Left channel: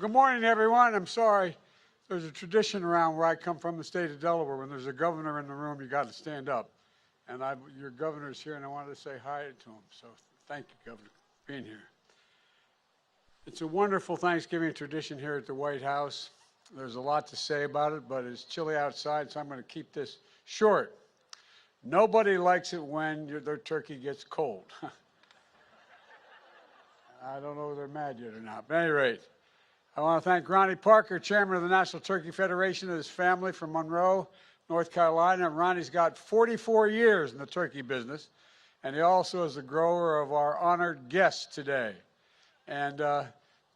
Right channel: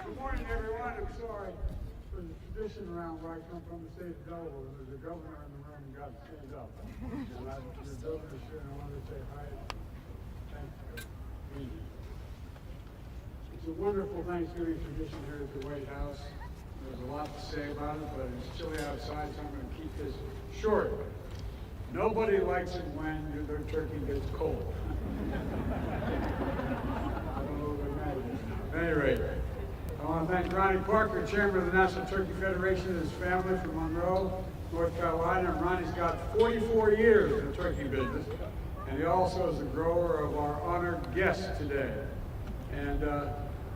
Good morning, everyone. I'm sorry. There's a tradition around where I come from, the state of Delaware. When there's a governor in the room, you got to stand up. And your governor's here, and I wanted to say hi to him. So thank you, Governor, for being here. It's a wonderful Thanksgiving tradition here at the White House. There's a lot to say about it, but it's chilly outside, so I'm going to keep this short. Nobody likes it when their turkey gets cold. I don't know if you imagine it or not. At any rate, I want to thank Ronnie Parker, chairman of the National Turkey Federation, and his family from Monroe, North Carolina. And Ronnie's got 44 years in the turkey business, and he also is the grower of our honored guest today. And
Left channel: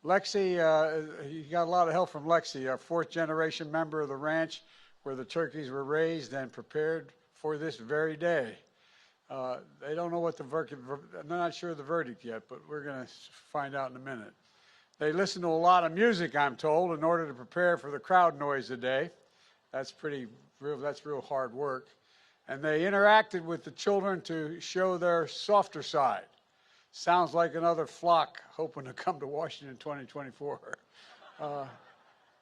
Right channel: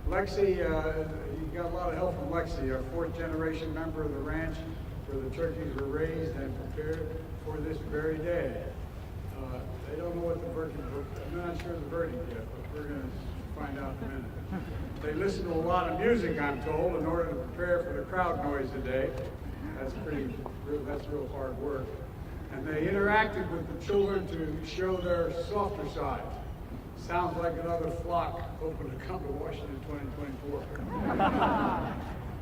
Lexi, you got a lot of help from Lexi, our fourth-generation member of the ranch where the turkeys were raised and prepared for this very day. They don't know what the verdict, I'm not sure of the verdict yet, but we're going to find out in a minute. They listen to a lot of music, I'm told, in order to prepare for the crowd noise today. That's real hard work. And they interacted with the children to show their softer side. Sounds like another flock hoping to come to Washington 2024.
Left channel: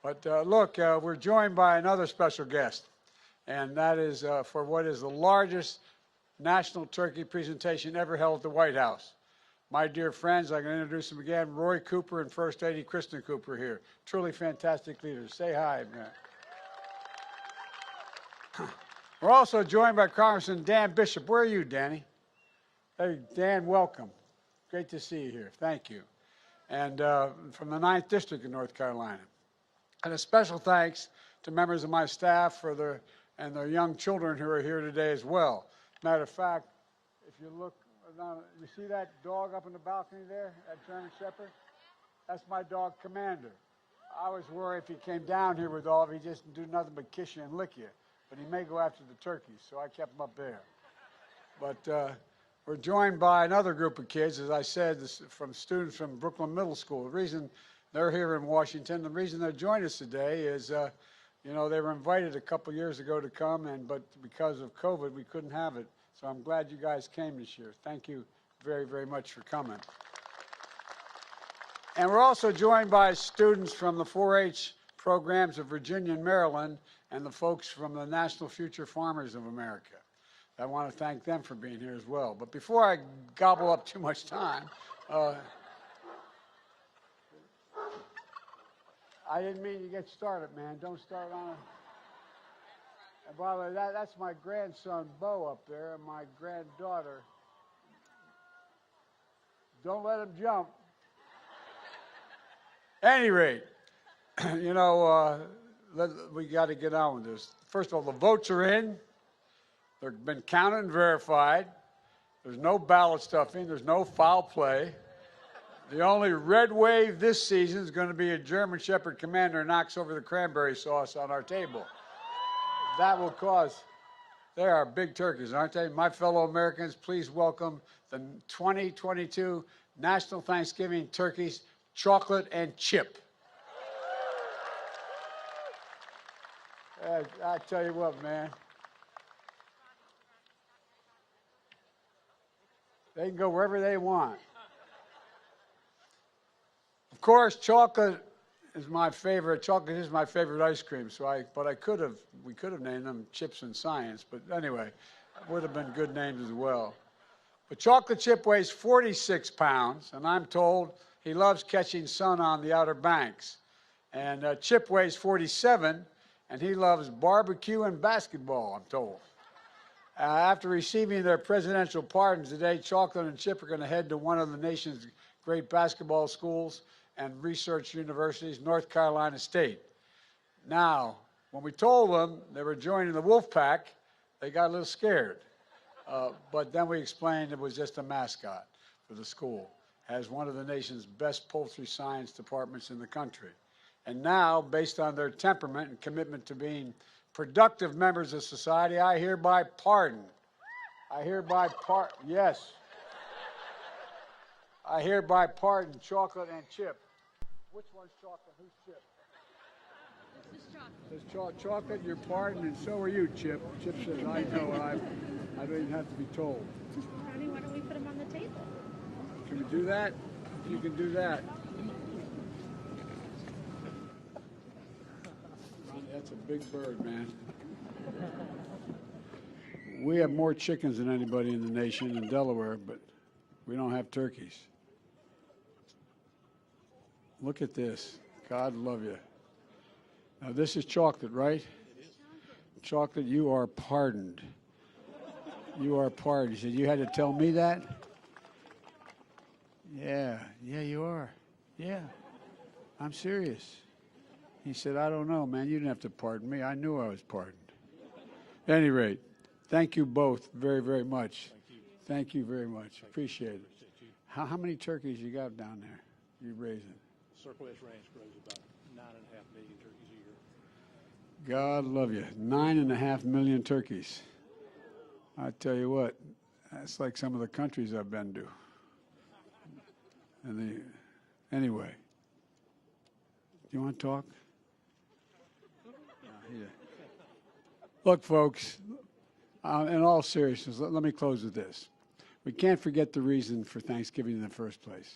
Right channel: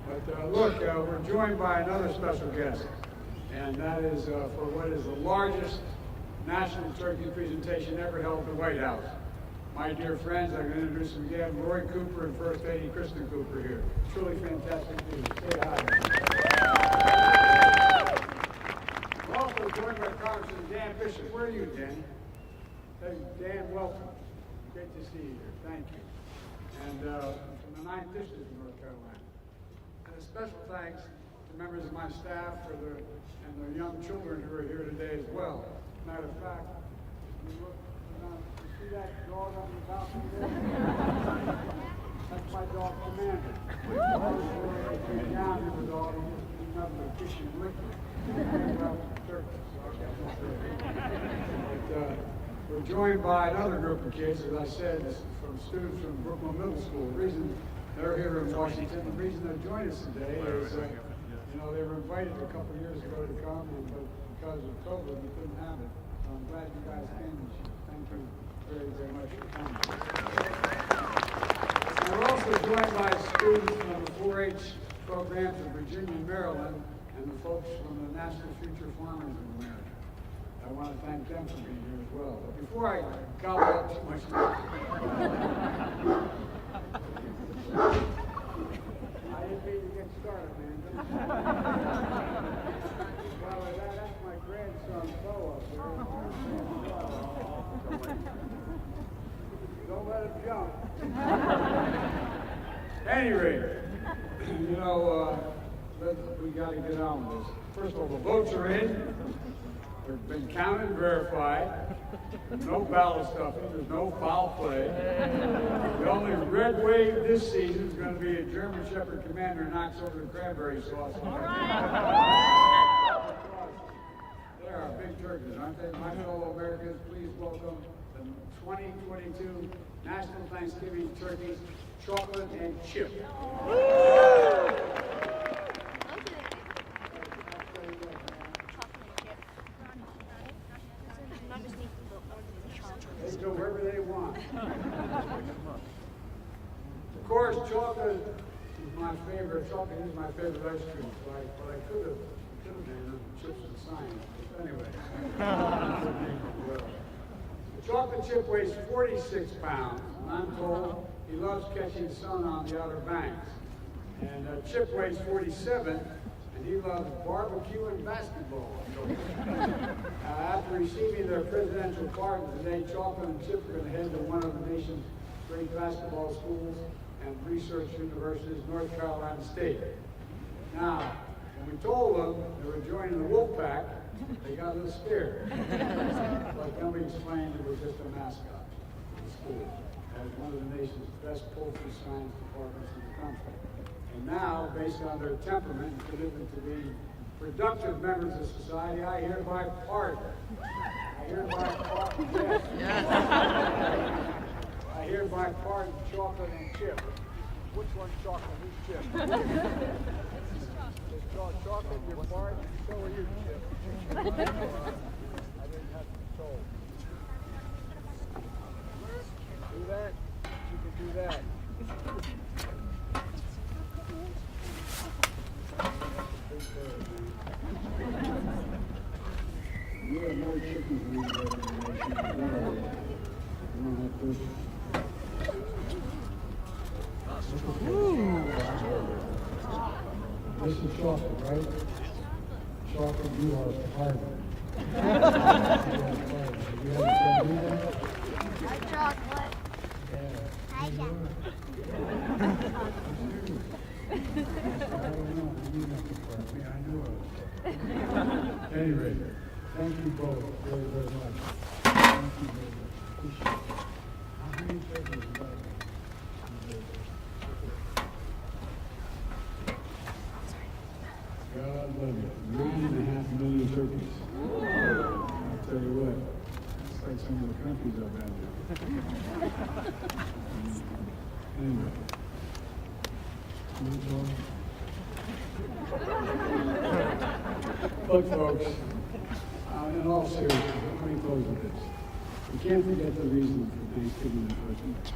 But look, we're joined by another special guest, and that is for what is the largest national turkey presentation ever held at the White House. My dear friends, I can introduce them again, Roy Cooper and First Lady Kristen Cooper here. Truly fantastic leaders. Say hi. We're also joined by Congressman Dan Bishop. Where are you, Danny? Hey, Dan, welcome. Great to see you here. Thank you. And from the 9th District of North Carolina. And a special thanks to members of my staff and their young children who are here today as well. Matter of fact, if you look, you see that dog up in the balcony there? That's my dog, Commander. I was worried if he came down here with all, he just do nothing but kiss you and lick you. He may go after the turkeys, so I kept him up there. But we're joined by another group of kids, as I said, from students from Brooklyn Middle School. The reason they're here in Washington, the reason they're joining us today is, you know, they were invited a couple years ago to come, but because of COVID, we couldn't have it. So I'm glad you guys came this year. Thank you very, very much for coming. And we're also joined by students from the 4-H programs of Virginia and Maryland, and the folks from the National Future Farmers of America. I want to thank them for being here as well. But before I gobble up too much time, I didn't mean to get started, man. Don't start. Well, that's my grandson, Bo, up there. My granddaughter. Don't let him jump. At any rate, you know, we got to get on with this. First of all, the votes are in. They've been counted and verified. There's no ballot stuffing. There's no foul play. The only red wave this season is going to be a German Shepherd Commander knocks over the cranberry sauce on our table. That will cause. They are big turkeys, aren't they? My fellow Americans, please welcome the 2022 National Thanksgiving Turkeys, Chocolate and Chip. I tell you what, man. They can go wherever they want. Of course, chocolate is my favorite. Chocolate is my favorite ice cream. So we could have named them Chips and Science. But anyway, good name as well. The chocolate chip weighs 46 pounds, and I'm told he loves catching sun on the Outer Banks. And Chip weighs 47. And he loves barbecue and basketball, I'm told. After receiving their presidential pardons today, Chocolate and Chip are going to head to one of the nation's great basketball schools and research universities, North Carolina State. Now, when we told them they were joining the wolf pack, they got a little scared. But then we explained it was just a mascot for the school, as one of the nation's best poultry science departments in the country. And now, based on their temperament and commitment to being productive members of society, I hereby pardon. Yes. I hereby pardon Chocolate and Chip. Which one's Chocolate? Who's Chip? Chocolate, you're pardoned, and so are you, Chip. Chip said, I know, I don't even have to be told. Ronnie, why don't we put them on the table? Can you do that? You can do that. third, man. We have more chickens than anybody in the nation in Delaware. We don't have turkeys. Look at this. God love you. Now, this is chocolate, right? Chocolate, you are pardoned. You are pardoned. You had to tell me that? Chocolate. Yeah, you are. Yeah, I'm serious. He said, I don't know, man. You didn't have to pardon me. I knew I was pardoned. At any rate, thank you both very, very much. Thank you very much. Appreciate it. How many turkeys you got down there? I'm grateful. God love you. 9.5 million turkeys. I tell you what, that's like some of the countries I've been to. Anyway, you want to talk? Look, folks, in all seriousness, let me close with this. We can't forget the reason for Thanksgiving in the first place.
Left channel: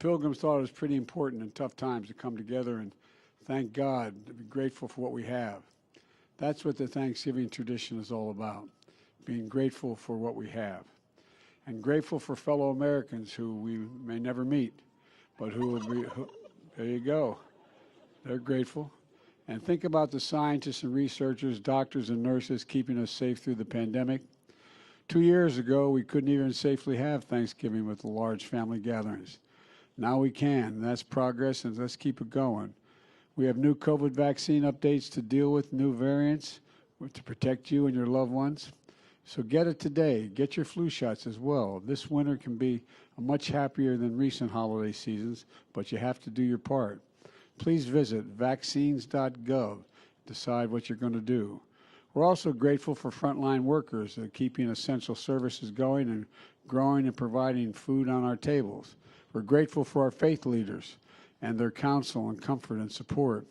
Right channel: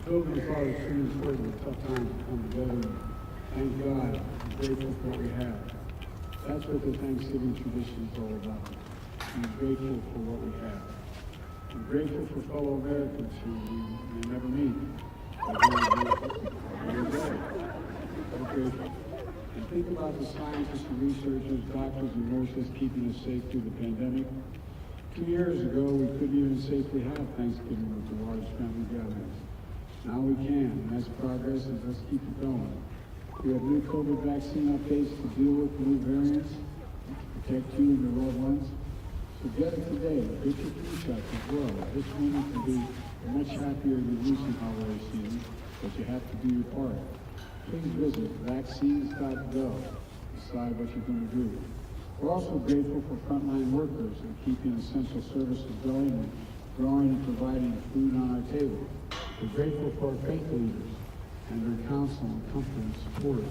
Pilgrims thought it was pretty important in tough times to come together and thank God, grateful for what we have. That's what the Thanksgiving tradition is all about, being grateful for what we have. And grateful for fellow Americans who we may never meet, but who are grateful. There you go. They're grateful. And think about the scientists and researchers, doctors and nurses keeping us safe through the pandemic. 2 years ago, we couldn't even safely have Thanksgiving with the large family gatherings. Now we can. That's progress, and let's keep it going. We have new COVID vaccine updates to deal with, new variants to protect you and your loved ones. So get it today. Get your flu shots as well. This winter can be much happier than recent holiday seasons, but you have to do your part. Please visit vaccines.gov. Decide what you're going to do. We're also grateful for frontline workers and keeping essential services going and growing and providing food on our tables. We're grateful for our faith leaders and their counsel and comfort and support.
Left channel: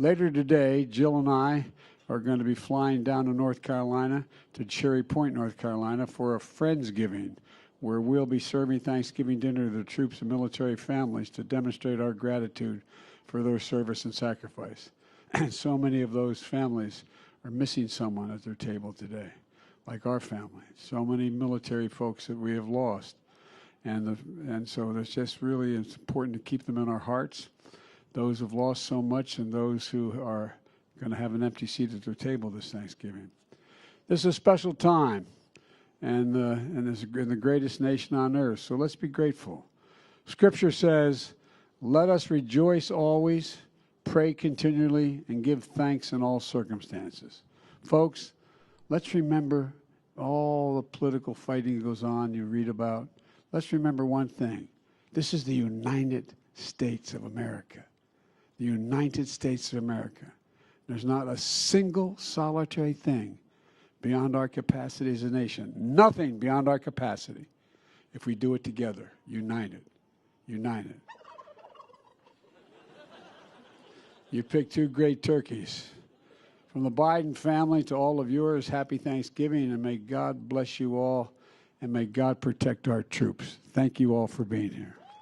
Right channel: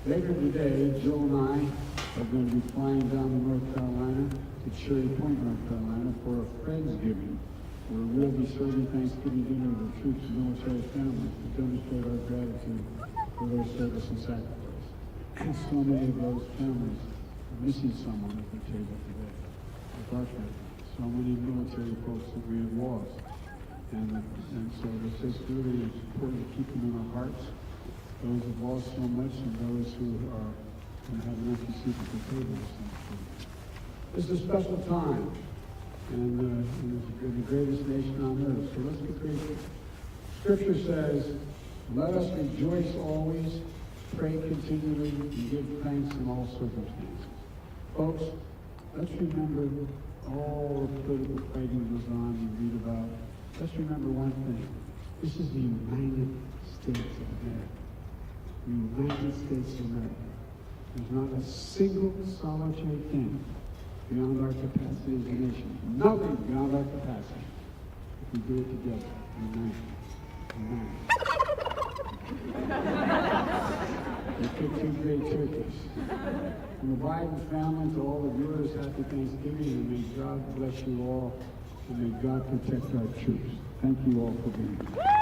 Later today, Jill and I are going to be flying down to North Carolina, to Cherry Point, North Carolina, for a Friendsgiving, where we'll be serving Thanksgiving dinner to the troops and military families to demonstrate our gratitude for their service and sacrifice. And so many of those families are missing someone at their table today, like our family. So many military folks that we have lost. And so it's just really it's important to keep them in our hearts, those who've lost so much and those who are going to have an empty seat at their table this Thanksgiving. This is a special time, and it's the greatest nation on earth, so let's be grateful. Scripture says, let us rejoice always, pray continually, and give thanks in all circumstances. Folks, let's remember all the political fighting goes on you read about. Let's remember one thing. This is the United States of America. The United States of America. There's not a single solitary thing beyond our capacity as a nation. Nothing beyond our capacity if we do it together, united. United. You picked two great turkeys. From the Biden family to all of yours, happy Thanksgiving, and may God bless you all, and may God protect our troops. Thank you all for being here.